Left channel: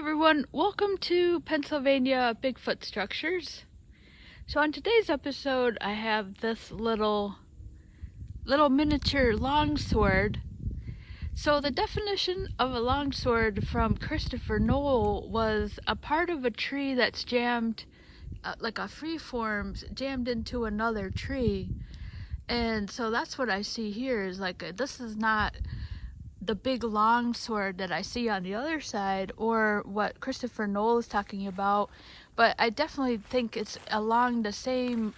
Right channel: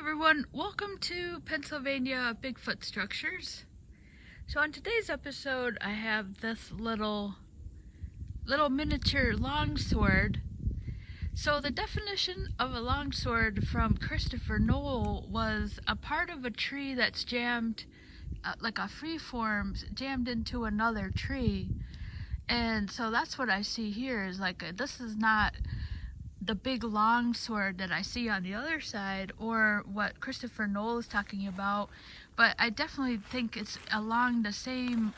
everyone, welcome to Pennsylvania Bigfoot Structures. So on today's episode I have this little miniature longsword. So the definition of a longsword from Christopher Noel was a part of a tree that's jammed, like a freeform, jammed into another tree. And so that's what I see here is like, this is not the big long sword that I see on the other side or what Christopher Noel is talking about, but I definitely think it's along the same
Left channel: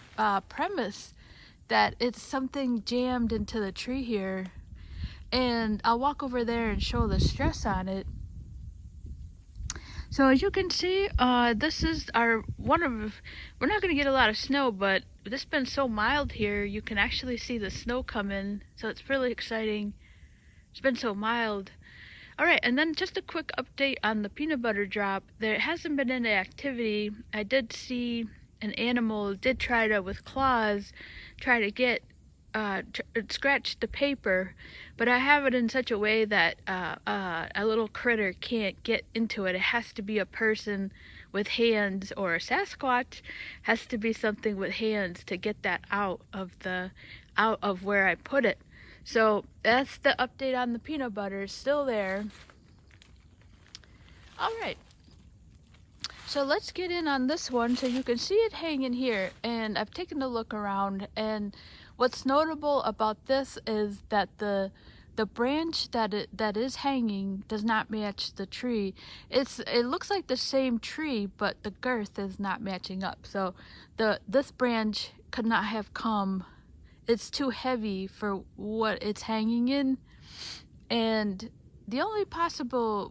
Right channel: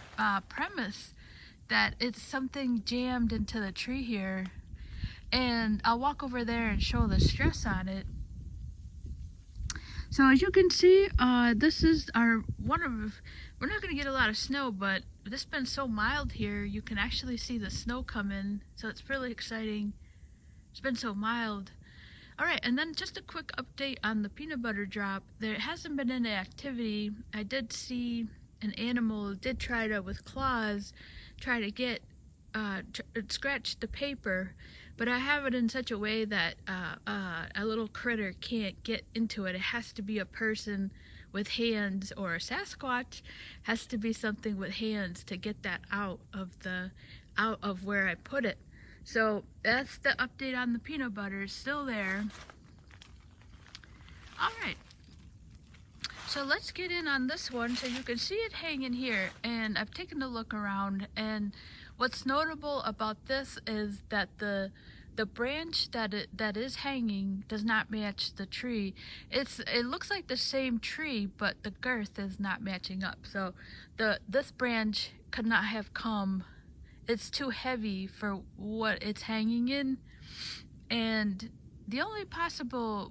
premise that it's something jammed into the tree here. And I'll walk over there and show the stress on it. So as you can see, this is we're not going to get a lot of snow, but this has been so mild here, you can actually see the snow coming, so it's really exciting. It's been so mild. Alright, and then just a quick update on the peanut butter drop. There hasn't been any activity. I did see an animal did try to, with claws, try to get, scratch the paper, but I have it in such a way that a little critter can't get into it. It has to be a person with hands, or a Sasquatch has to be something with hands to get that out of where I put it. So that's the update on the peanut butter. It's still there. Alright, so let's get in on this one. So you can see it hanging here, and I've taken a look around, and what's notable about this is that the branch that is hanging does not match the tree. It looks like the same tree, but the girth is not matching up. So this branch could not have come. It's too heavy for what it's hanging in, and the only possible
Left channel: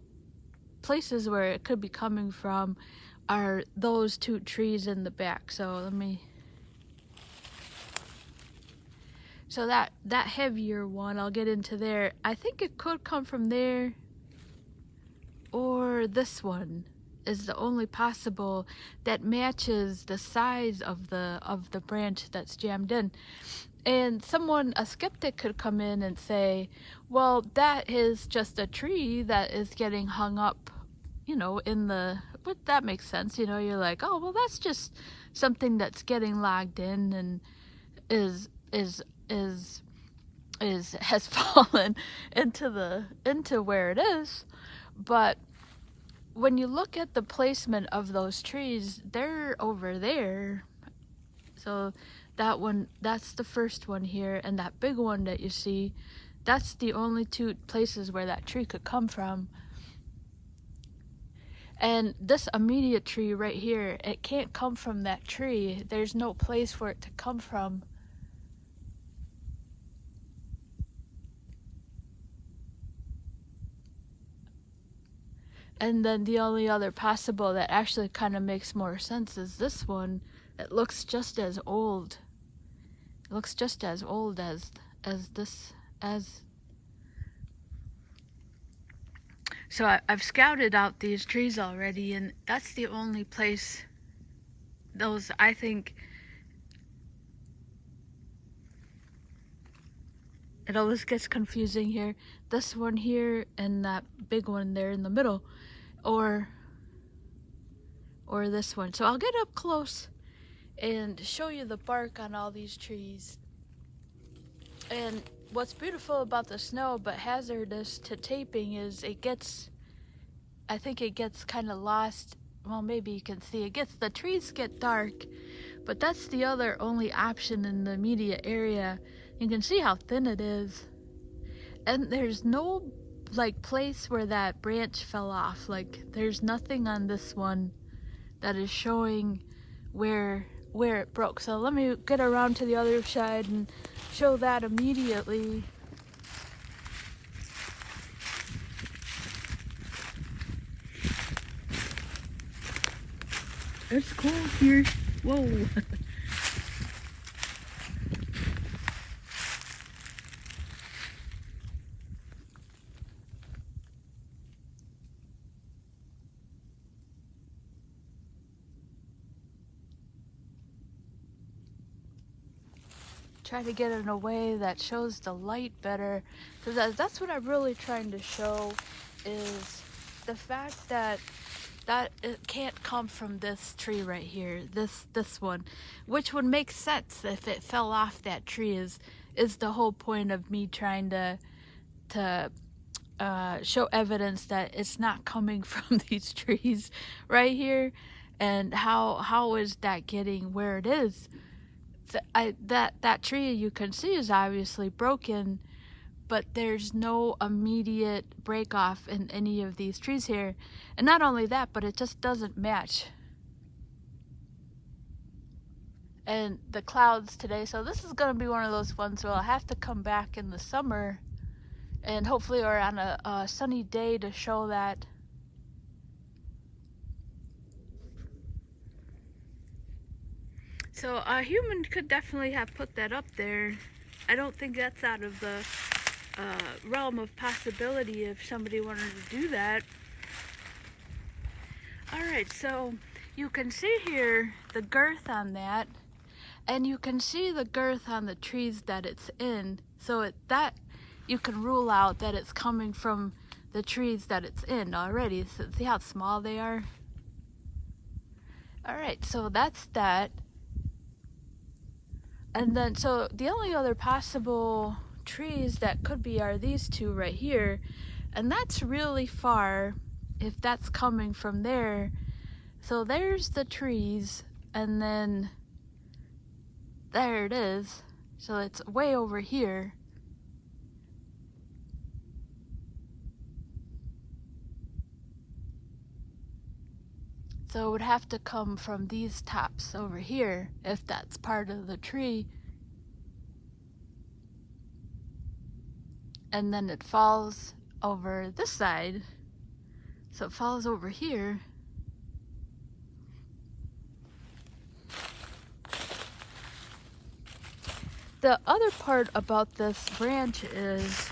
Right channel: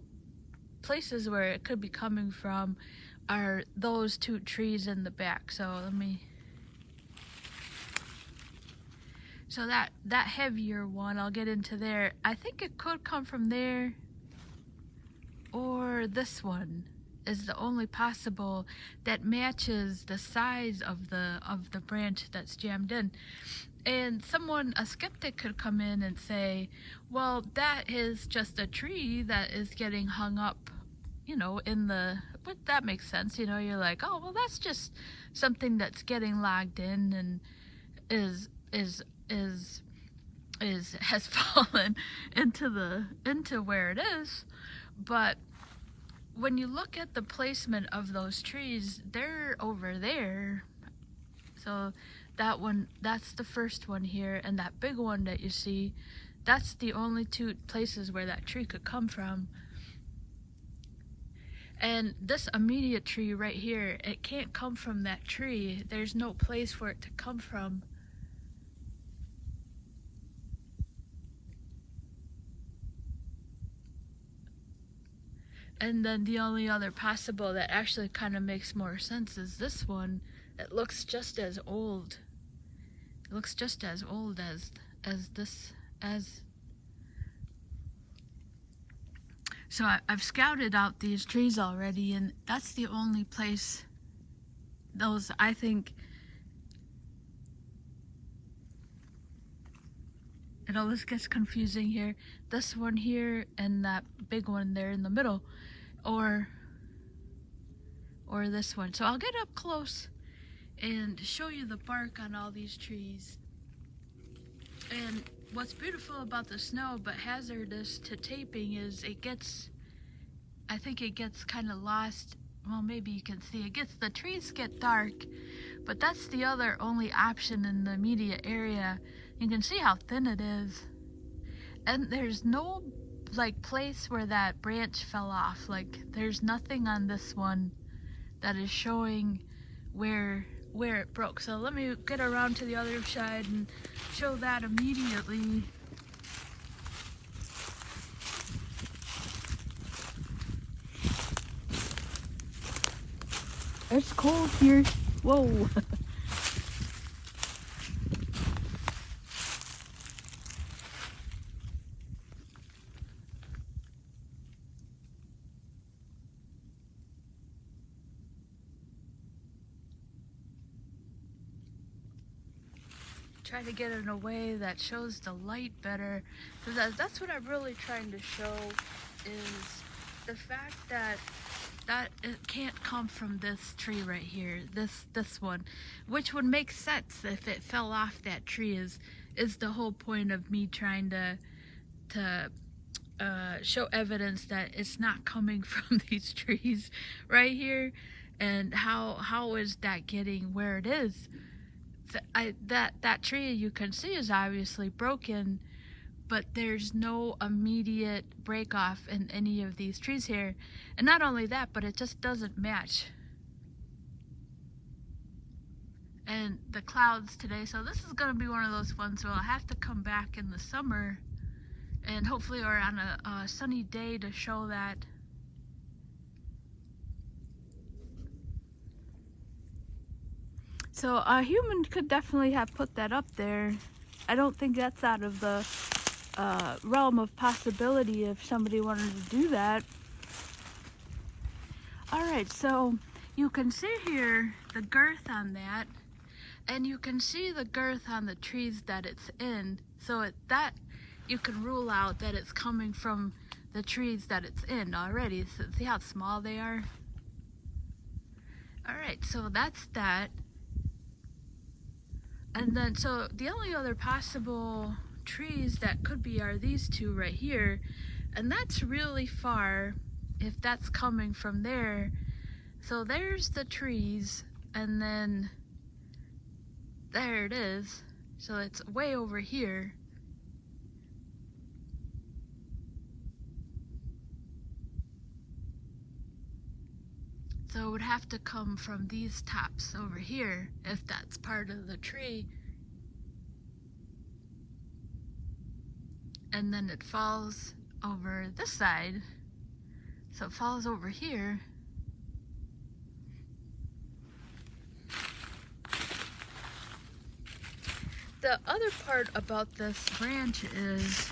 places where it could be coming from are those two trees in the back. So that heavier one, I'll get into there. I think it could come from there, or this one is the only possible that matches the size of the branch that's jammed in. And a skeptic could come in and say, well, that is just a tree that is getting hung up, but that makes sense. You're like, oh, well, that's just something that's getting logged in and has fallen into where it is. But when you look at the placement of those trees, they're over there. So that one, that's the first one here, and that big one that you see, that's the only two places where that tree could come from. And this immediate tree right here, it can't come from that tree. There's no place for it to come from. And then the only other possible that actually kind of makes more sense is this one. It looks just as old. It looks just as old as this. So I've scouted out these trees already, and that's the only place those, I think, it always gets confusing here. This one here and that big one there in the middle, or this one. So I'll get up close and show you the bark on all these trees. And what's beautiful about the snow but hazardous to taping is I think it gets kind of lost. Well, maybe you can see the trees get dark, but that's the only option in the immediate area. You can see how thin it is, and there's no place where that branch fell off. There's nothing on this one that is showing where it broke. So let me get around to the other side and show that immediately. It's cold here. Whoa. Try to get it in a way that shows the light better, because that's what I'm really trying to show, is the fact that that it can't come from this tree right here, this one, which would make sense if it fell off that tree. Is the whole point of me trying to show evidence that it's not coming from these trees right here. And how is that getting where it is? That tree, you can see, is obviously broken, but there's no immediate break off in any of these trees here. And not only that, but it just doesn't match. And the clouds today, so this is going to be one of those ones where I'll have to come back in the summer and hopefully, or on a sunny day, to show that. So a human could definitely have put that up there. I don't think that's out of the realm of possibility if somebody wanted to do that. Alright, so you can see here the girth on that, and you can see the girth on the trees that it's in. So that you can rule out that it's coming from the trees that it's in already. So see how small they are? Alright, so that's that. And then, so the only other possible trees that could be are these two right here. And that's really far if that's coming from there. So there's the trees, and then there it is. So it's way over here. So it would have to come from these tops over here if that's part of the tree. And then it falls over this side. So it falls over here. The other part about this branch is,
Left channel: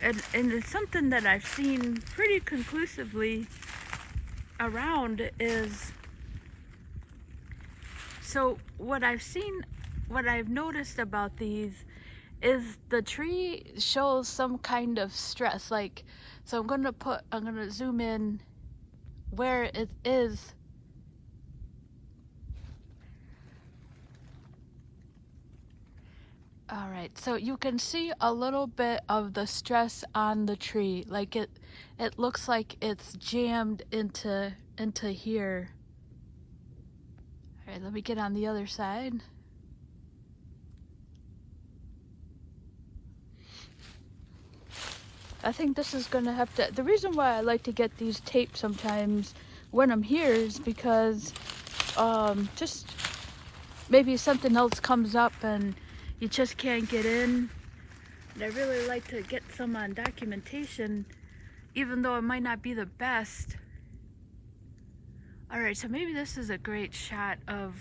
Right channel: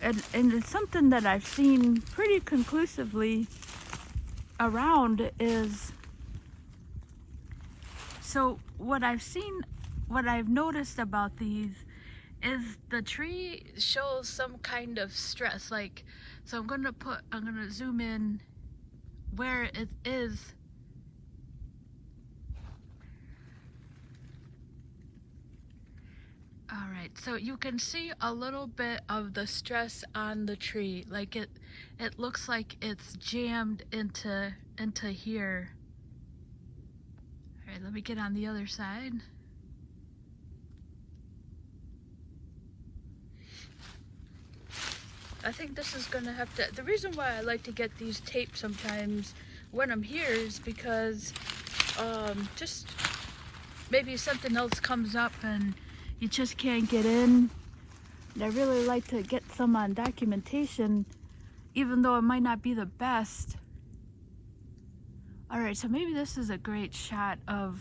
and it's something that I've seen pretty conclusively around, is, so what I've noticed about these is the tree shows some kind of stress. Like, so I'm gonna zoom in where it is. All right, so you can see a little bit of the stress on the tree. Like it looks like it's jammed into here. All right, let me get on the other side. I think this is gonna have to, the reason why I like to get these taped sometimes when I'm here is because just maybe something else comes up and you just can't get in. And I really like to get some on documentation, even though it might not be the best. All right, so maybe this is a great shot of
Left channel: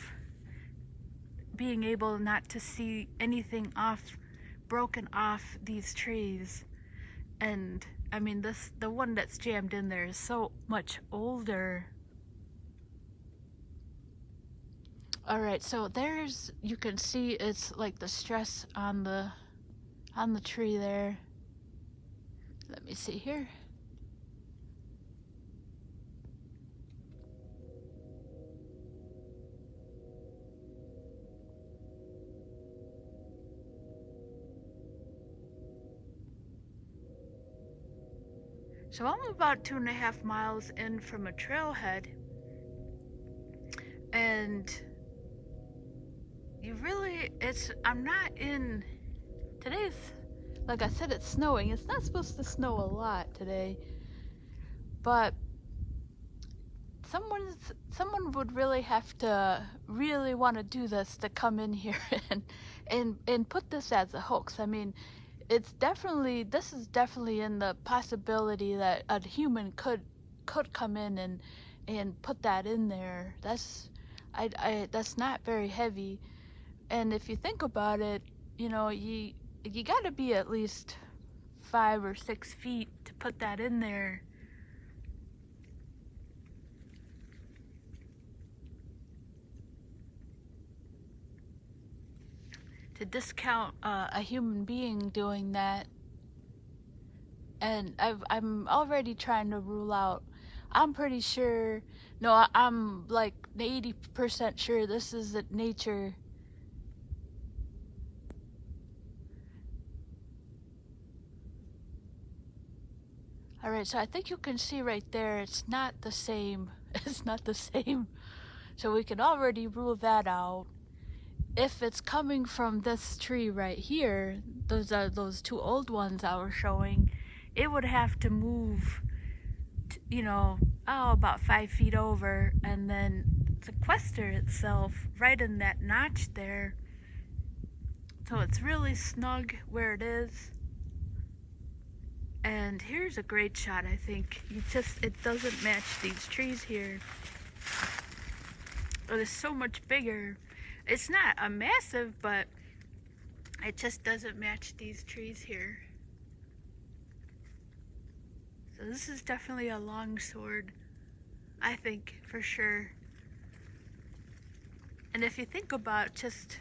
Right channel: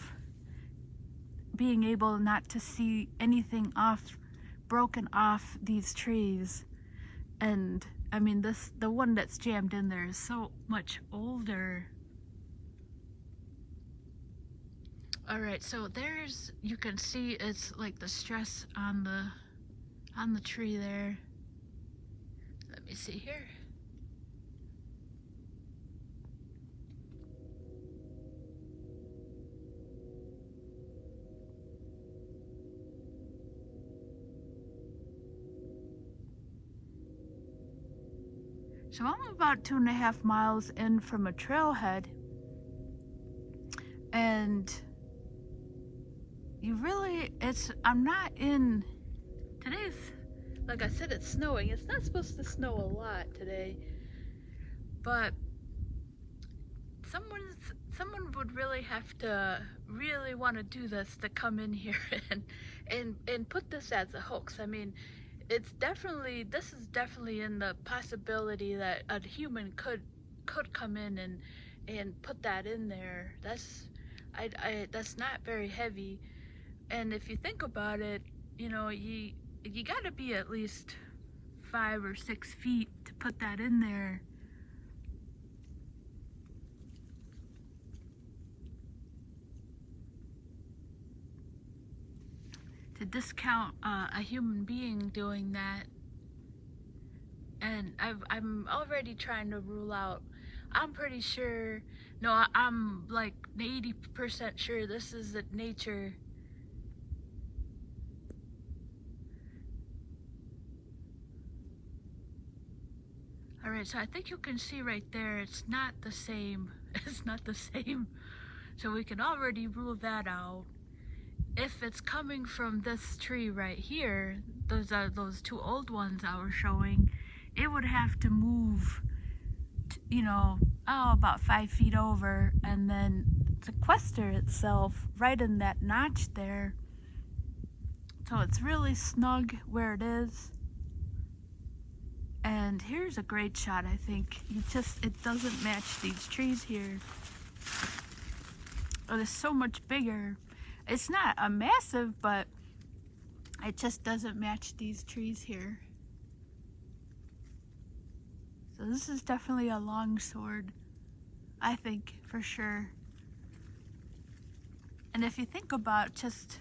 being able not to see anything broken off these trees. And I mean, the one that's jammed in there is so much older. All right, so there's, you can see it's like the stress on the tree there. Let me see here. So I'm about 2.5 miles in from a trailhead, and I'm not in, today's, like I said, it's snowing. It's not supposed to snow a lot today, but someone would really have to really want to do this to come in here and put this as a hoax. I mean, this is definitely in the possibility that a human could come in and put that in there. That's not very heavy. And if you think about it, you know, you gotta be at least 5 or 6 feet to put that in there. To discount a human being doing that. And I'm already trying to rule out I'm pretty sure, no, I'm like 80% sure this is the nature. Alright, so I think you can see right there, it's not the same. It's not the same. So we can already rule that out. If it's coming from this tree right here, those are those two old ones I was showing, it would have to move, you know, about 5 feet over and then sequester itself right in that notch there. So it's really snug where it is. And here's a great shot, I think. It doesn't match these trees here. It is so much bigger. It's not a massive, but it just doesn't match these trees here. So this is definitely a longsword, I think, for sure. And if you think about just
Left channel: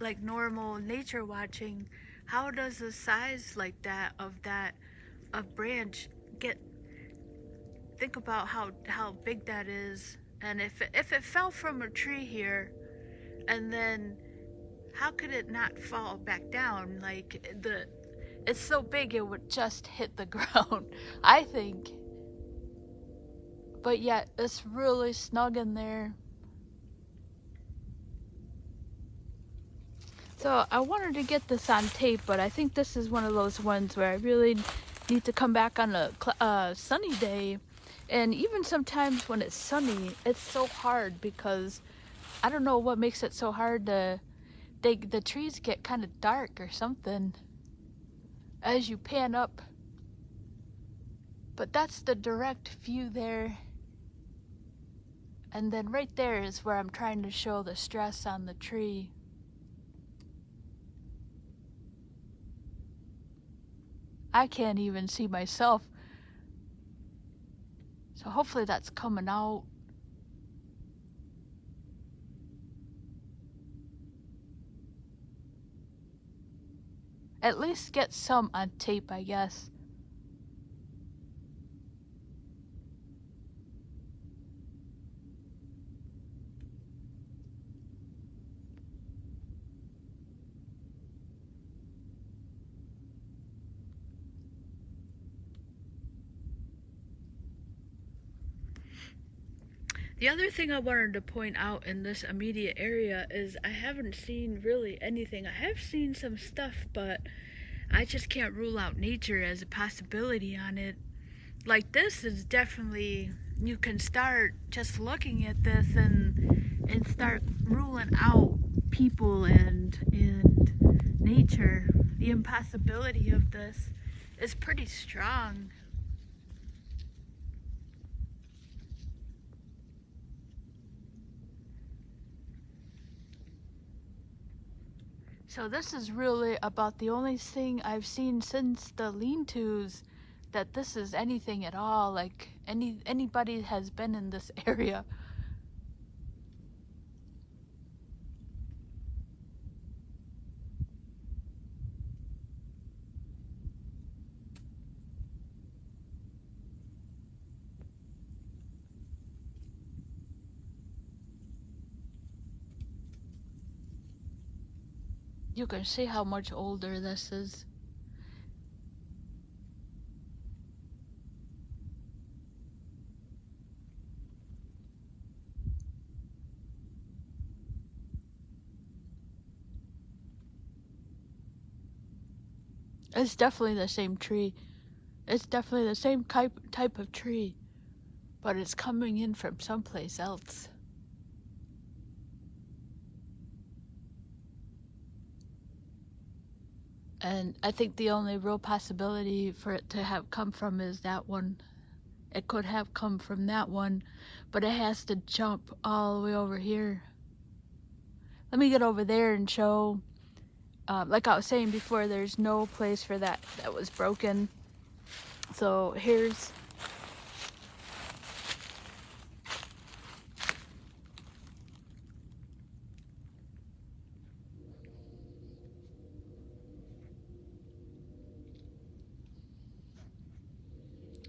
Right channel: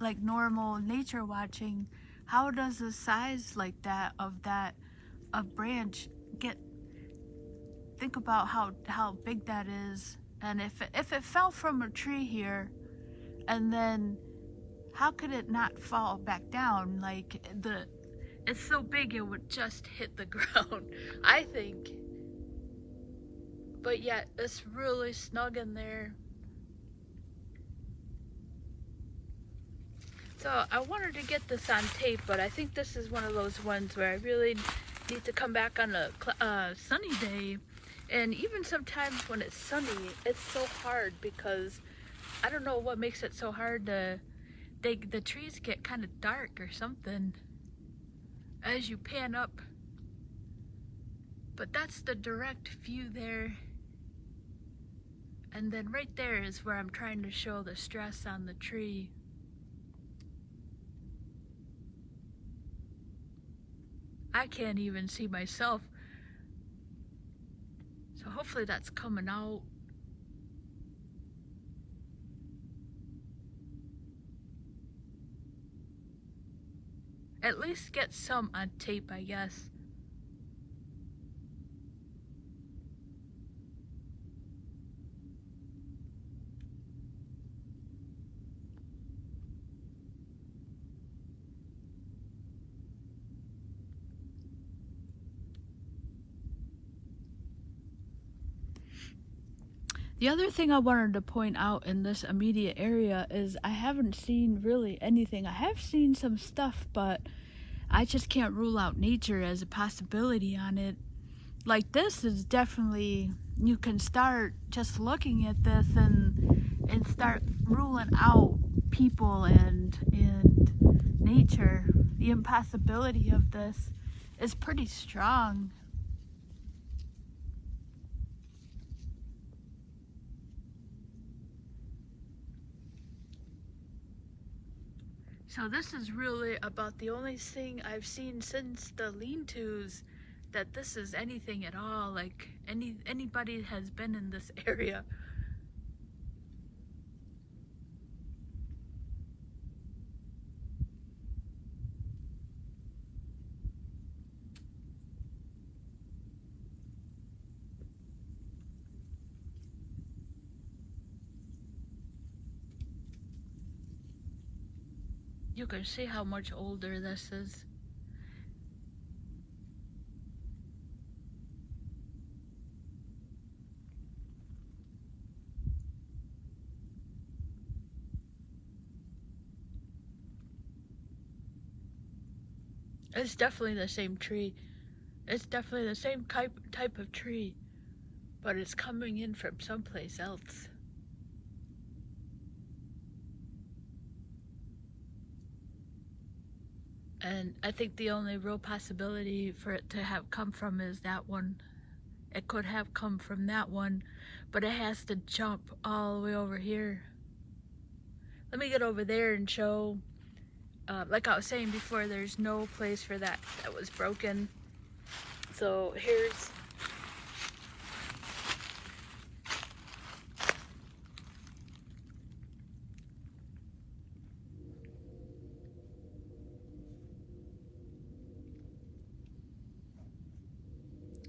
like normal nature watching, how does the size like that of branch get? Think about how big that is. And if it fell from a tree here, and then how could it not fall back down? Like it's so big it would just hit the ground, I think. But yet it's really snug in there. So I wanted to get this on tape, but I think this is one of those ones where I really need to come back on a sunny day. And even sometimes when it's sunny, it's so hard because I don't know what makes it so hard to, the trees get kind of dark or something as you pan up. But that's the direct view there. And then right there is where I'm trying to show the stress on the tree. I can't even see myself. So hopefully that's coming out. At least get some on tape, I guess. The other thing I wanted to point out in this immediate area is I haven't seen really anything. I have seen some stuff, but I just can't rule out nature as a possibility on it. Like this is definitely, you can start just looking at this and start ruling out people and nature. The impossibility of this is pretty strong. So this is really about the only thing I've seen since the lean-tos that this is anything at all, like anybody has been in this area. You can see how much older this is. It's definitely the same tree. It's definitely the same type of tree, but it's coming in from someplace else. And I think the only real possibility for it to have come from is that one. It could have come from that one, but it has to jump all the way over here. Let me get over there and show, like I was saying before, there's no place for that was broken. So here's,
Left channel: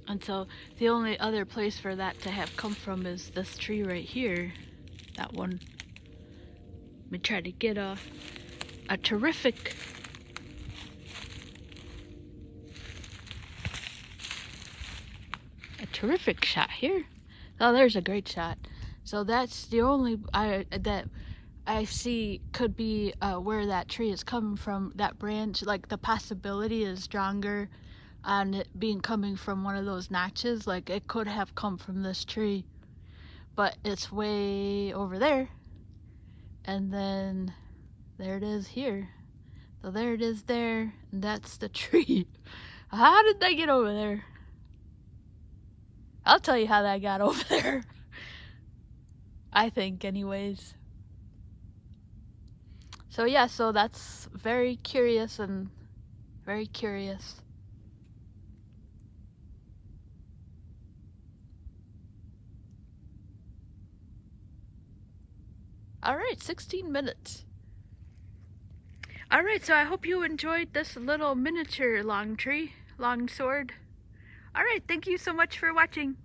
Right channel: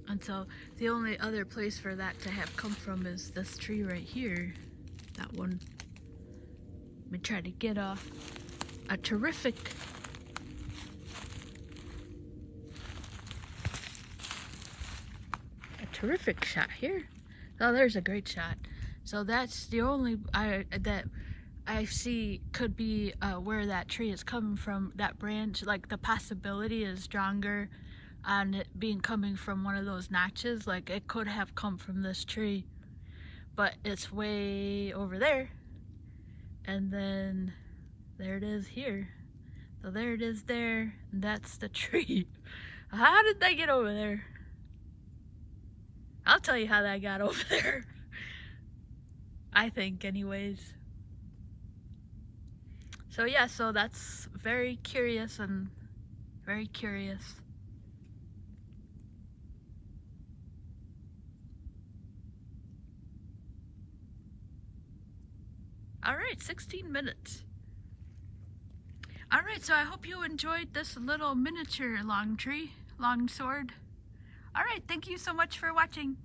And so the only other place for that to have come from is this tree right here. That one. Let me try to get a terrific shot here. Oh, there's a great shot. So that's the only that I see could be where that tree is coming from, that branch. Like the possibility is stronger on it being coming from one of those notches. Like it could have come from this tree, but it's way over there. And then there it is here. So there it is there, and that's the tree. How did they get over there? I'll tell you how that got over there. I think anyways. So yeah, so that's very curious and very curious. Alright, 16 minutes. Alright, so I hope you enjoyed this little miniature long sword. Alright, thank you so much for watching.